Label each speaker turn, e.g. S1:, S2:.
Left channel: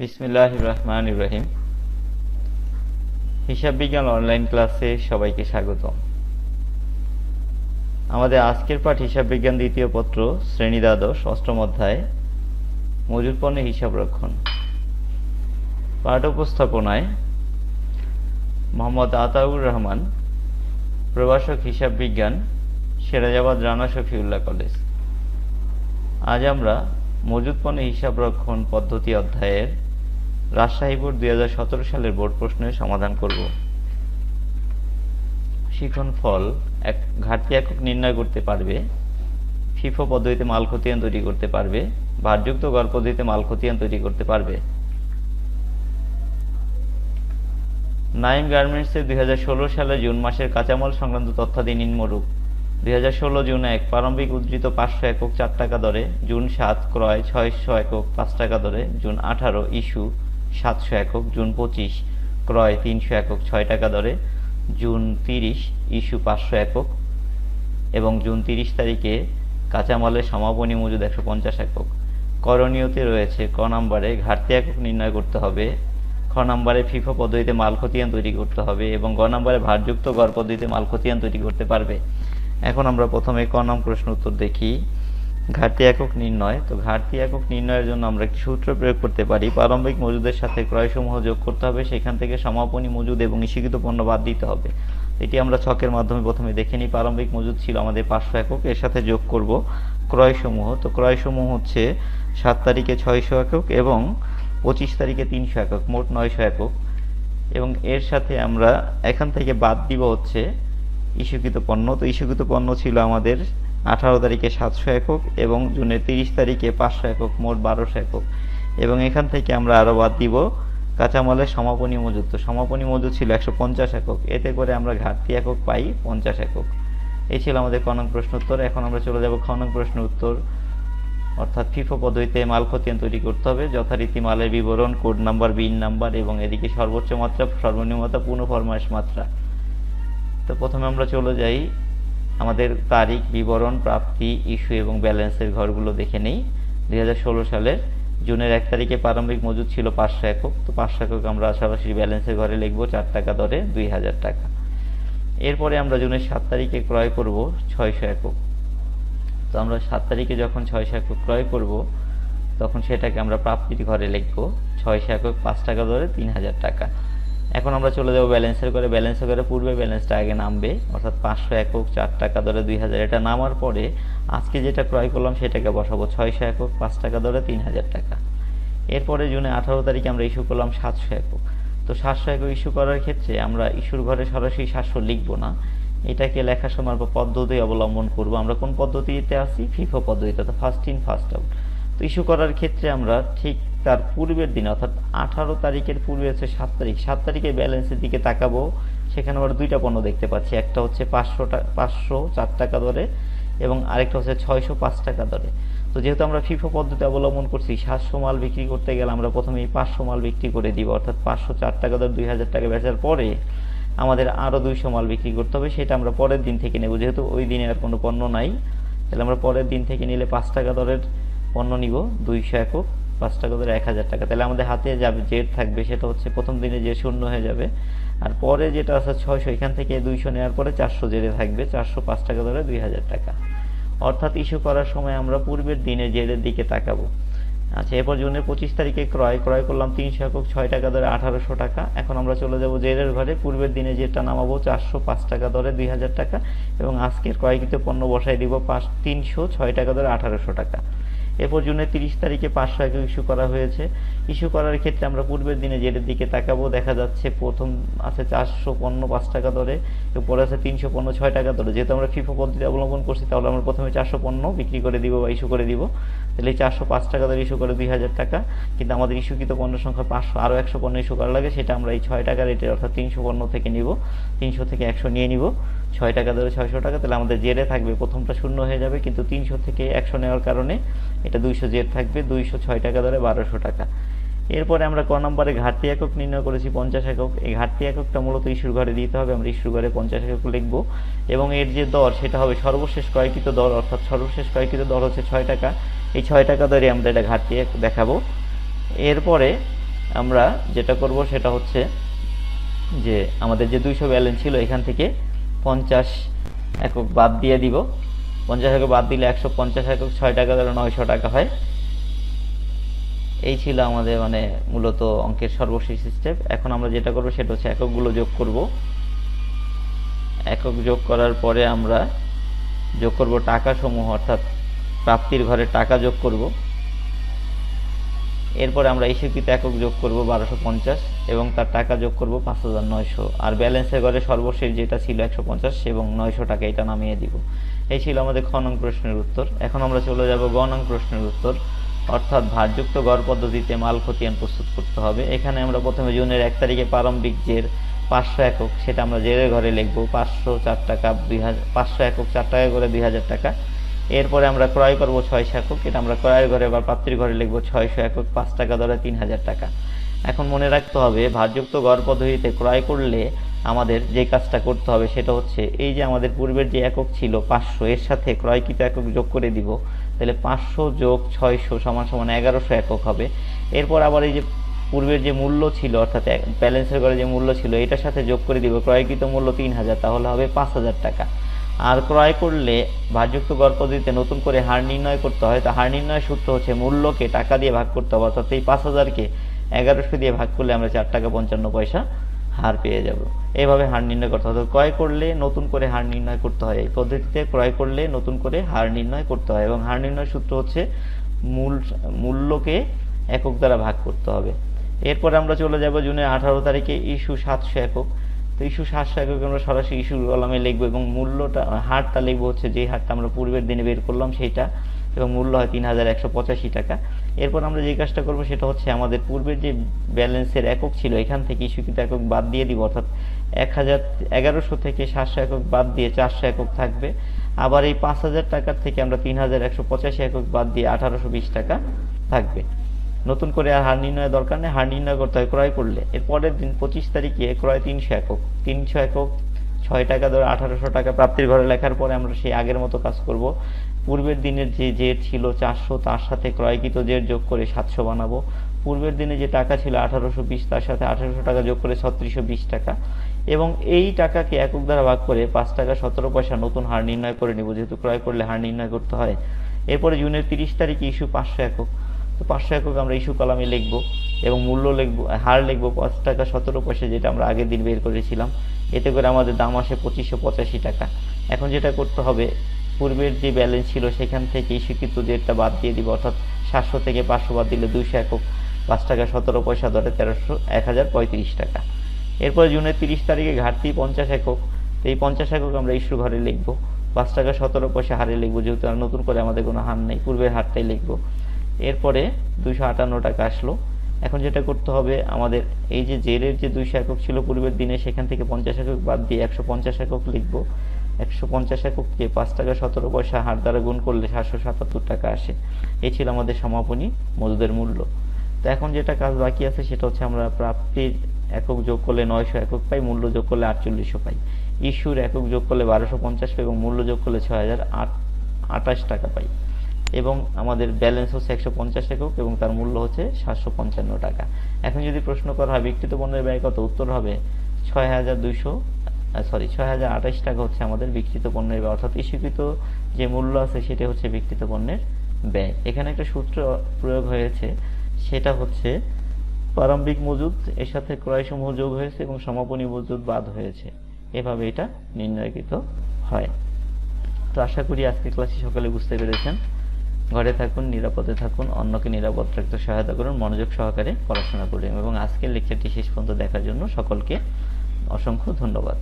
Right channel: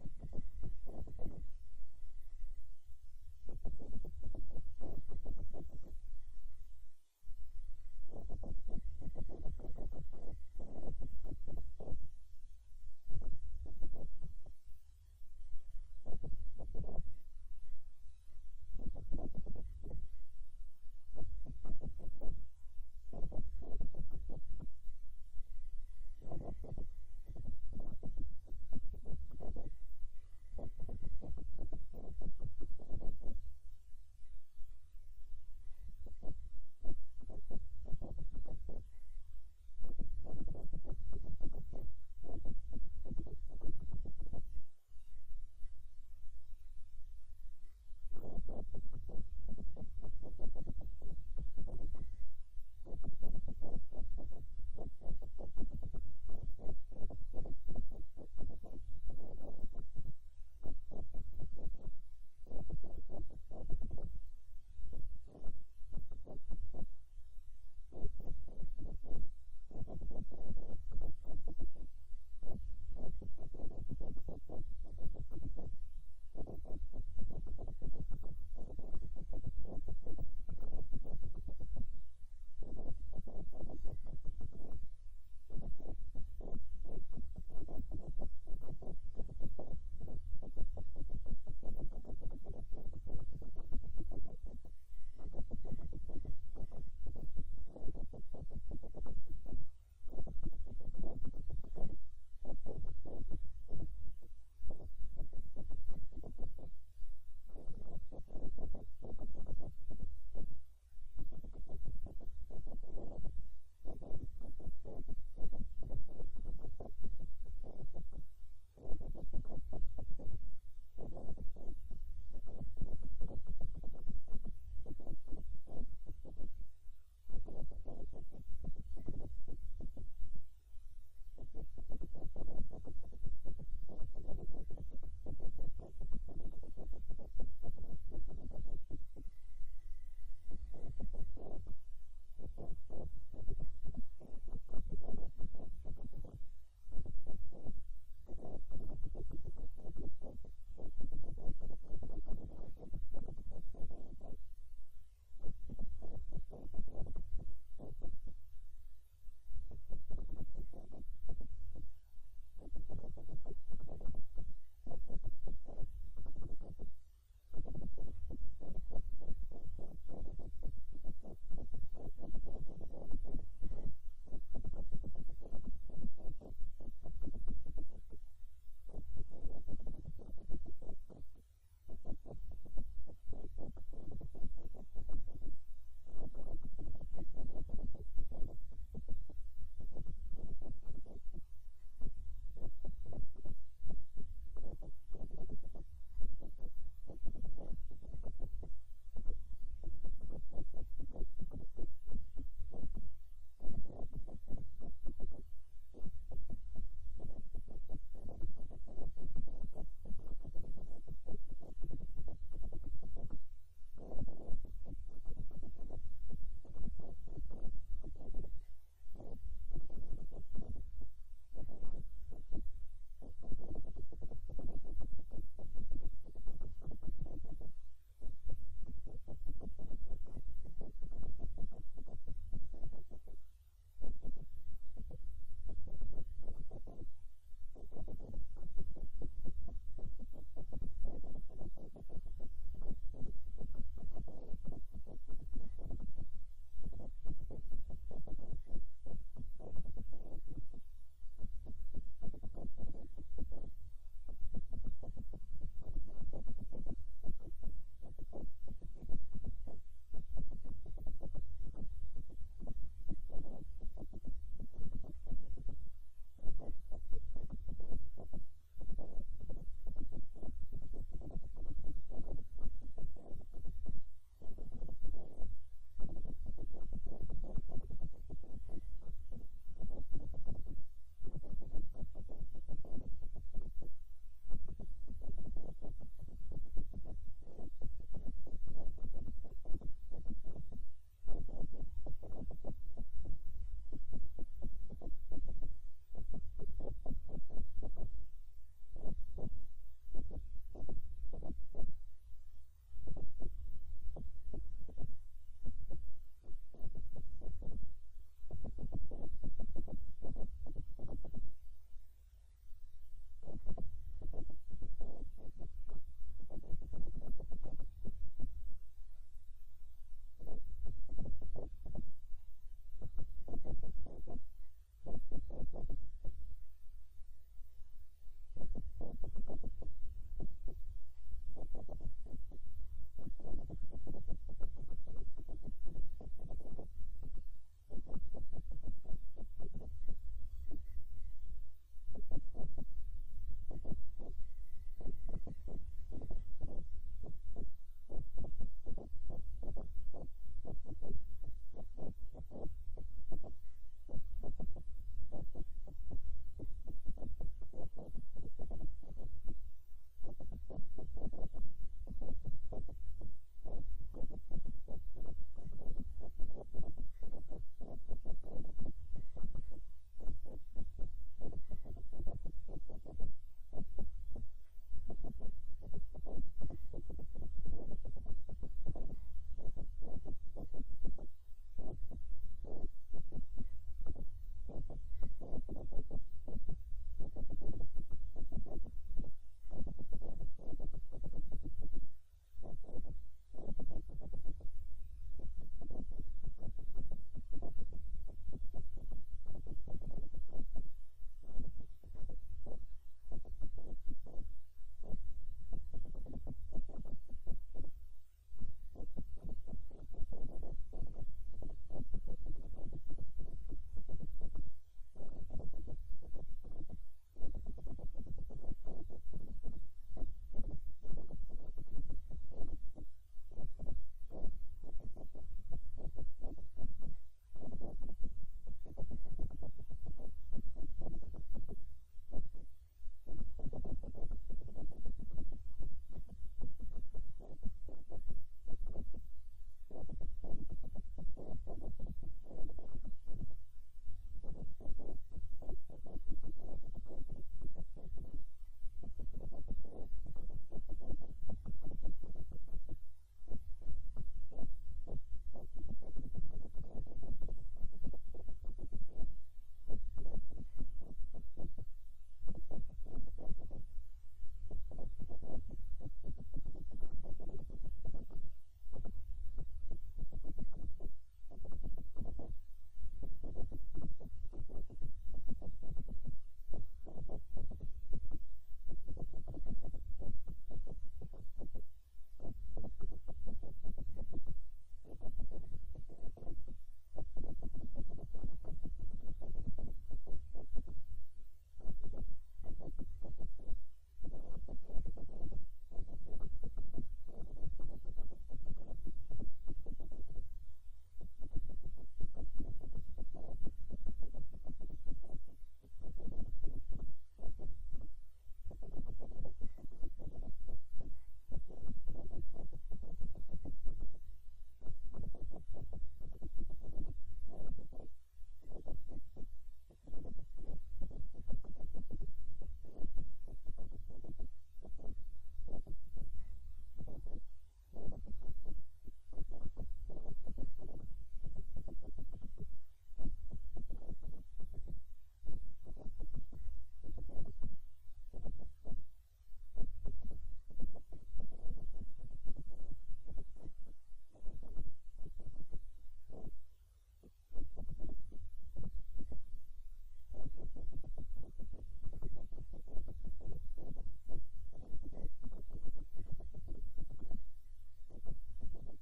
S1: বিসমিল্লাহ রহমান ইব্রাহিম হিসাব বিজ্ঞান অনলাইন ক্লাসে সবাইকে স্বাগতম। আমাদের আজকের পাঠ হিসাব বিজ্ঞান দ্বিতীয় পত্র, শ্রেণি দ্বাদশ, অষ্টম অধ্যায়, মজুর পণ্যের হিসাব রক্ষণ। পাঠ উপস্থাপনায় মোহাম্মদ আতাউর রহমান, প্রভাষক হিসাব বিজ্ঞান, সিরাজাবাদ রানা শফিউল্লাহ কলেজ। আজ আমরা মজুদ পণ্যের হিসাব রক্ষণ পদ্ধতি অধ্যায়ের রাজশাহী বোর্ড দুই হাজার সতেরো সালের বোর্ড প্রশ্নের সমাধান করব। শিখন ফল এক ঘাটতি একক নির্ণয় করতে পারবে। ফিফো পদ্ধতিতে মাল খতিয়ান তৈরি করতে পারবে। ভারযুক্ত গড় পদ্ধতিতে মাল খতিয়ান তৈরি করতে পারবে। নাইম গার্মেন্টসের দুই সালের জুন মাসের কাঁচামাল সংক্রান্ত তথ্যাদি নিম্নরূপ দুই হাজার ষোলো জুন এক প্রারম্ভিক উদ্ধৃত পাঁচশো একক চার টাকা দরে, জুন সাত ক্রয় ছয়শো একক পাঁচ টাকা দরে, জুন আঠারো ইস্যু সাতশো একক, জুন পঁচিশ, ক্রয় তিনশো একক, ছয় টাকা দরে, জুন তিরিশ, ইস্যু পাঁচশো একক এবং জুন তিরিশ তারিখে কাঁচামালের সমাপনী মজুদ একশো পঞ্চাশ একক। করণীয়তে রয়েছে ক নম্বরে ঘাটতি একক নির্ণয় করতে হবে, খ নম্বরে ফিফো পদ্ধতিতে মাল খতিয়ান তৈরি করতে হবে এবং গ নম্বরে ভারযুক্ত গড় পদ্ধতিতে মাল খতিয়ান তৈরি করতে পারবে। এখন আমরা প্রথমে ক নং প্রশ্ন উত্তর দেখি। ঘাটতি একক নির্ণয়। তো ঘাটতি একক নির্ণয়ের জন্য আমরা একটি সূত্র প্রয়োগ করতে পারি? প্রারম্ভিক মজুদের সাথে ক্রয়সমূহ যোগ করতে হবে। সেখান থেকে সমাপনী মজুদ এবং ইস্যুকৃত পণ্য বাদ দিতে হবে। এটি আমরা ছকের মাধ্যমে প্রথমে দেখে নিই। প্রারম্ভিক মজুদ ছিল আমাদের পাঁচশো একক। এর সাথে যোগ করব ক্রয়সমূহ। তো ক্রয়সমূহ হচ্ছে সাত তারিখে ছয়শো একক এবং পঁচিশ তারিখে তিনশো একক, মোট নয়শো একক। এবং এর সাথে আমরা এখান থেকে বাদ দিব হচ্ছে ইস্যুকৃত পণ্য। তো ইস্যুকৃত পণ্য ছিল আমাদের আঠারো তারিখে সাতশো একক এবং জুনের তিরিশ তারিখে পাঁচশো একক, মোট বারোশো একক। এবং এখান থেকে আমরা আরও বাদ দিব কাঁচামালের সমাপনী মজুদ তো সমাপনী মজুদ ছিল একশো পঞ্চাশ একক। এতে করে আমরা ঘাটতি একক পাই পঞ্চাশ একক। এই ছিল আমাদের কনক প্রশ্ন উত্তর। এখন আমরা চলে যাব খনক প্রশ্ন উত্তর। অর্থাৎ ফিফো পদ্ধতিতে মাল খতিয়ান তৈরি করতে হবে। যথারীতি মালের বিবরণ, কোড নাম্বার, বিন নাম্বার এবং এদিকে সর্বোচ্চ মাত্রা সর্বনিম্ন মাত্রা পূর্ণ ফরমাইশ মাত্রা। তো প্রথমে আমরা চলে যাই আমাদের তারিখ, বিবরণ, প্রাপ্তি, ইস্যু এবং ব্যালেন্সের ঘরগুলো দেখে নেই। দুই হাজার ষোলো সালের জুনের এক তারিখে প্রারম্ভিক মজুদ ছিল পাঁচশো একক। তো পাঁচশো একক আমরা সরাসরি ব্যালেন্সের ঘরে লিখব চার টাকা দরে দুই হাজার টাকা। এরপরে আমরা জুনের সাত তারিখে ক্রয় করব ছয়শো একক। তো আমরা সাত তারিখে যখন ছয়শো একক ক্রয় করব, তখন সেটাকে আমরা প্রাপ্তির ঘরে লিখব ছয়শো একক পাঁচ টাকা দরে তিন হাজার টাকা। এখন আমরা চলে যাব ব্যালেন্সের করে। ব্যালেন্সের করে পূর্বে ব্যালেন্সটা আগে নামবে। অর্থাৎ পাঁচশো একক চার টাকা দরে দুই হাজার। এটা নামার পরে আজকে যেটা ক্রয় করলাম সেটাকে বসাবো ছয়শো একক, পাঁচ টাকা দরে তিন হাজার টাকা। এরপরে জুনে আঠারো তারিখে আমরা ইস্যু করলাম সাতশো একক। তো সাতশো একক ইস্যু করার ক্ষেত্রে আমরা ইস্যুর ঘরে সরাসরি সাতশো লিখব না। এটাকে লেখার সময় পদ্ধতি অবলম্বন করব। আমরা কোন পদ্ধতিতে আছি? ফিফো পদ্ধতিতে। অর্থাৎ ফার্স্ট ইন ফার্স্ট আউট তো ইস্যু করার ক্ষেত্রে আমরা ঠিক তার পূর্বের দিন, অর্থাৎ আঠারো তারিখের পূর্বে হচ্ছে সাত তারিখ। সাত তারিখে ব্যালেন্সের দিকে তাকাবো, সেখানে আমরা দুইটা পণ্য দেখতে পাচ্ছি। একটা হচ্ছে পাঁচশো টাকা পাঁচশো চার টাকা দরে এবং আরেকটা হচ্ছে ছয়শো পাঁচ টাকা দরে। তো যেহেতু আমরা ফিফো পদ্ধতি অবলম্বন করছি, সাতশো মাল বিক্রি করতে গেলে আমরা প্রথমে এই পাঁচশো মাল বিক্রি করে দিব, অর্থাৎ পাঁচশো চার টাকা দরে দুই হাজার টাকা বেচার পরে আমাদের আরও দুইশো মাল বিক্রি করতে হবে। সেটা আমরা পরের দিন থেকে নেব। যেহেতু ওই দিনে আর কোনো পণ্য নাই, তাহলে আমরা পরের দিন থেকে নিলে পাঁচ টাকা দরের পণ্য নিব দুইশো একক, পাঁচ টাকা ধরে এক হাজার টাকা। তাহলে আমাদের হাতে যাবে জেড থাকবে সেটা হচ্ছে প্রথম দিনে যে শূন্য হয়ে যাবে। আর পরে যেটা আছে ছয়শো, এখান থেকে দুইশো নেওয়ার পরে চারশো জেডে থাকবে, চারশো পাঁচ টাকা ধরে দুই হাজার টাকা। অর্থাৎ ইস্যু করার সময় আমরা পূর্বের দিনে জেডের দিকে তাকাবো। আচ্ছা এরপর জুনের পঁচিশ তারিখে ক্রয় ক্রয় করলাম তিনশো একক, ছয় টাকা ধরে আঠারোশো টাকা। এখন আমরা চলে যাব জেডের ঘরে। পূর্বের দিনে যেটা নামাবো চারশো পাঁচ টাকা ধরে দুই হাজার টাকা। এবং আজকের ক্রয়কৃত পণ্য বসাই দিব পাঁচ, তিনশো, ছয় টাকা ধরে আঠারোশো টাকা। এরপর জুনের তিরিশ তারিখে পাঁচশো একক ইস্যু করা হয়েছে। ইস্যু করার ক্ষেত্রে আমরা পূর্বের দিনে যেটার দিকে তাকাবো, দেখা যাচ্ছে প্রথম আছে চারশো পণ্য পাঁচ টাকা দরে পরে আছে তিনশো পণ্য ছয় টাকা দরে। যেহেতু আমরা ফিফো পদ্ধতি অবলম্বন করছি, তাহলে আমরা প্রথমে চারশো পণ্য বিক্রি করে দিব বা ইস্যু করে দিব। তাহলে চারশো পাঁচ টাকা দরে ইস্যু করে দুই হাজার টাকা। কিন্তু আমাদের ইস্যুকৃত পণ্য সংখ্যা পাঁচশো, আরও একশো পণ্য ইস্যু করা লাগে, সেটা আমরা এই ছয় টাকা রেটে অর্থাৎ তিনশো পণ্য থেকে নিব। তিনশো থেকে একশো নিয়ে নিব। ছয় টাকা ধরে ছয়শো টাকা, তাহলে আমাদের জেডে থাকবে, প্রথমটা শূন্য হয়ে যাবে, কিন্তু তিনশো থেকে একশো নেওয়ার কারণে এটা দুইশো জেড থাকবে, দুইশো ছয় টাকা ধরে বারোশো টাকা। এরপরে আমরা ক নম্বরে ঘাটতি একক নির্ণয় করেছি, পঞ্চাশ একক। এই ঘাটতি এককটা মূলত ইস্যুর ঘরে দিতে হবে, আমরা ইস্যুর ঘরে পঞ্চাশ একক লিখব। এবং এর যে দর, সেটা হবে সর্বশেষ ক্রয়কৃত দর, অর্থাৎ সর্বশেষ ক্রয়কৃত দর হচ্ছে ছয় টাকা। এই ছয় টাকা দরে আমরা এটা ঘাটতি এক দেখাবো। এরপরে আমরা যেটা করব, সেটা হচ্ছে যে আমাদের যে দুইশো ব্যালেন্স ছিল এখান থেকে পঞ্চাশ একক বাদ দিয়ে দিব। পঞ্চাশ একক বাদ দিলে একশো পঞ্চাশ একক ছয় টাকা ধরে নয়শো টাকা হয়। এই ছিল আমাদের মানে মূলত অঙ্কের সর্বশেষ স্টেপ এখন আমরা যেটা করব সেটা হচ্ছে এককগুলো যোগ করব। একক যোগ করার পরে আমরা যোগ করব টাকা সমূহ অর্থাৎ প্রাপ্তির ঘরে টাকা যোগ করব। এরপরে আমরা ইস্যুকৃত একক যোগ করব বারোশো পঞ্চাশ এবং তার টাকা যোগ করব পাঁচ হাজার নয়শো। আর ব্যালেন্সের ঘরে সর্বশেষ যেটা ছিল একশো পঞ্চাশ এবং নয়শো টাকা এটা নামিয়ে দিব। এই ছিল আমাদের খ নং প্রশ্নের উত্তর। এখন আমরা চলে যাব গ নং প্রশ্নের উত্তর। অর্থাৎ ভারযুক্ত গড় পদ্ধতিতে মাল খতিয়ান প্রস্তুত করতে হবে। এখানে আমরা প্রথমে জুনের এক তারিখে প্রারম্ভিক জের পাঁচশো একক, সেটা আমরা জেরের ঘরে লিখব পাঁচশো চার টাকা, দুই হাজার পাঁচশো একক চার টাকা করে দুই হাজার টাকা। এরপরে আমরা ক্রয় করব ছয়শো একক এটা আমরা ক্রয়ের ঘরে বা প্রাপ্তির ঘরে লিখব ছয়শো একক পাঁচ টাকা ধরে তিন হাজার টাকা। এখন মনে রাখতে হবে, ভারযুক্ত গড় পদ্ধতিতে ক্রয় করলে আমাদের যে কাজটা করতে হবে সেটা হচ্ছে, এই যে আমাদের পূর্বের যে একক ছিল পাঁচশো, এর সাথে ক্রয়কৃত একক যোগ করে দিব, তাহলে পাঁচশো যোগ ছয়শো সমান সমান এগারোশো একক হবে। এরপর আবার এই যে পূর্বের যে মূল্য ছিল, অর্থাৎ ব্যালেন্সের ঘরে যে মূল্য ছিল, এটার সাথে যোগ করে দিব, ক্রয়কৃত মূল্য তিন হাজার, তাহলে হবে পাঁচ হাজার টাকা। আর ক্রয় করলে ভারযুক্ত গড় পদ্ধতিতে নতুন করে হার নির্ণয় করতে হয়। তো হার নির্ণয় সূত্র হচ্ছে মূল্যকে টাকা দিয়ে ভাগ করতে হবে, অর্থাৎ এই পাঁচ হাজারকে এগারোশো দিয়ে ভাগ করলে আমরা চার টাকা পঞ্চান্ন পয়সা হার পেয়ে যাব। এইভাবে হার নির্ণয় করতে হবে। ক্রয় করলে নতুন করে হার নির্ণয় করতে হয়। এই পদ্ধতিতে ক্রয় করলে নতুন করে হার নির্ণয় করতে হয় এবং হার নির্ণয় সূত্র হচ্ছে মূল, মূল্যকে একক দ্বারা ভাগ করতে হবে। এরপরে আমরা চলে যাব জুনের আঠারো তারিখে ইস্যু সাতশো একক। তো ইস্যু সাতশো একক আমরা সরাসরি ইস্যু কলামে লিখব এবং মূল্যটা, হারটা লিখব হচ্ছে যে হারটা আমরা পূর্বের দিনে বের করলাম সেইটা এবং মূল্য হয় তিন হাজার একশো পঁচাশি টাকা। এরপর আমরা যে কাজটা করব সেটা হচ্ছে আমাদের পূর্বের যে ব্যালেন্সের একক ছিল, এখান থেকে ইস্যুকৃত একক বাদ দিয়ে দিব, অর্থাৎ এক হাজার এগারোশো থেকে সাতশো একক বাদ দিয়ে চারশো একক থাকবে। আবার এই পাঁচ হাজার টাকার থেকে আমরা তিন হাজার একশো পঁচাশি একক বাদ দিয়ে আঠারোশো বিশ টাকা থাকবে। নতুন করে আর হার নির্ণয়ের দরকার নেই, হার নির্ণয় করতে হয় ক্রয় করলে। এর পরের দিন পঁচিশ তারিখে ক্রয় তিনশো একক। তিনশো একক, ছয় টাকা ধরে আঠারোশো টাকা প্রাপ্তির ঘরে লেখার পরে আমরা সেই আগের মতো কাজ করব। পূর্বের দিনের যে জের ছিল চারশো, তার সাথে ক্রয়কৃত জের যোগ করে সাতশো বানাবো। পূর্বের দিনে যে টাকা ছিল আঠারোশো বিশ, তার সাথে আঠারোশো টাকা যোগ করে ছত্রিশশো বিশ টাকা। এবং এই টাকাকে একক দ্বারা ভাগ করে পাঁচ টাকা সতেরো পয়সা নতুন হার নির্ণয় করে নিব। যেহেতু ক্রয় করলে হার নির্ণয় করতে হয়। এরপরে জুনের তিরিশ তারিখে ইস্যু পাঁচশো একক। তো পাঁচশো একক আমরা ইস্যু কলামে লিখব এবং মূল্য লিখব, হার লিখব, পাঁচ টাকা সতেরো পয়সা যেটা আমরা আগের দিন বের করেছিলাম। এতে করে আমাদের দাম আসে পঁচিশশো পঁচাশি টাকা। এখন যেটা করতে হবে, পূর্বের যে ব্যালেন্স ছিল সেখান থেকে স্বীকৃত ডেটটা বাদ দিয়ে দিব, অর্থাৎ সাতশো থেকে পাঁচশো বাদ দিলে দুইশো একক। পাঁচ টাকা সতেরো পয়সা ধরে তেরোশো এক হাজার পঁয়ত্রিশ টাকা। এরপর জুনের তিরিশ তারিখে ঘাটতি পঞ্চাশ একক। তো এই পঞ্চাশ একক আমরা ইস্যু ঘরে লিখব। পাঁচ টাকা সতেরো পয়সা হারে লিখব, যেহেতু আর নতুন করে আমাদের কোনো হার নেই, পূর্বের হারটাই লিখব। এরপরে দুইশো আটান্ন টাকা আসলো। এখন যেটা করতে হবে, আমাদের এই যে জেলের যে দুইশো একক ছিল পূর্বের দিনে, সেখান থেকে পঞ্চাশ একক বাদ দিয়ে একশো পঞ্চাশ একক লিখব। একশো পঞ্চাশ এককে পাঁচ টাকা সতেরো পয়সা হার দ্বারা গুণ করলে সাতশো সাতাত্তর টাকা আসে। এই ছিল আমাদের সমাপনী মজুদের মূল্য। তো এখন যেটা কাজ বাকি আছে, সেটা হচ্ছে আমরা প্রাপ্তির একক যোগ করলে নয়শো একক পাই, মূল্য যোগ করলে আটচল্লিশশো পাই। ইস্যুর একক যোগ করলে বারোশো পঞ্চাশ পাই এবং মূল্য যোগ করলে ছয় হাজার আট আঠাশ টাকা পাই। এবং আমাদের ব্যালেন্স হচ্ছে একশো পঞ্চাশ একক এবং তার মূল্য হচ্ছে সাতশো পঞ্চান্ন টাকা। এখন যদি প্রশ্ন করা হয়, বিকৃত পণ্যের ব্যয় কত? উত্তর হবে ছয় হাজার দুইশো সরি ছয় হাজার আঠাশ টাকা হচ্ছে আমাদের বিকৃত পণ্যের ব্যয়। অর্থাৎ ইস্যুকৃত যে মূল্য আছে, সেটা হচ্ছে বিকৃত পণ্যের ব্যয়। এখানে একটা সূত্র প্রয়োগ হয়েছে, সেটা হচ্ছে প্রারম্ভিক মজুদ, এর সাথে ক্রয়সমূহ যোগ হয়েছে এবং সমাপনী মজুদ বাদ হয়েছে। এভাবে এটা নির্ণয়কৃত হয়। তো আশা করি আজকের ক্লাসে সকালে বুঝতে পেরেছেন। ঘরে থাকুন, নিরাপদে থাকুন, অন্যকে নিরাপদ রাখতে সহায়তা করুন, মনোযোগ সহকারে পড়াশোনা করুন। এবং আজকের লেকচারটি শেষ পর্যন্ত দেখার জন্য সকলকে অসংখ্য ধন্যবাদ।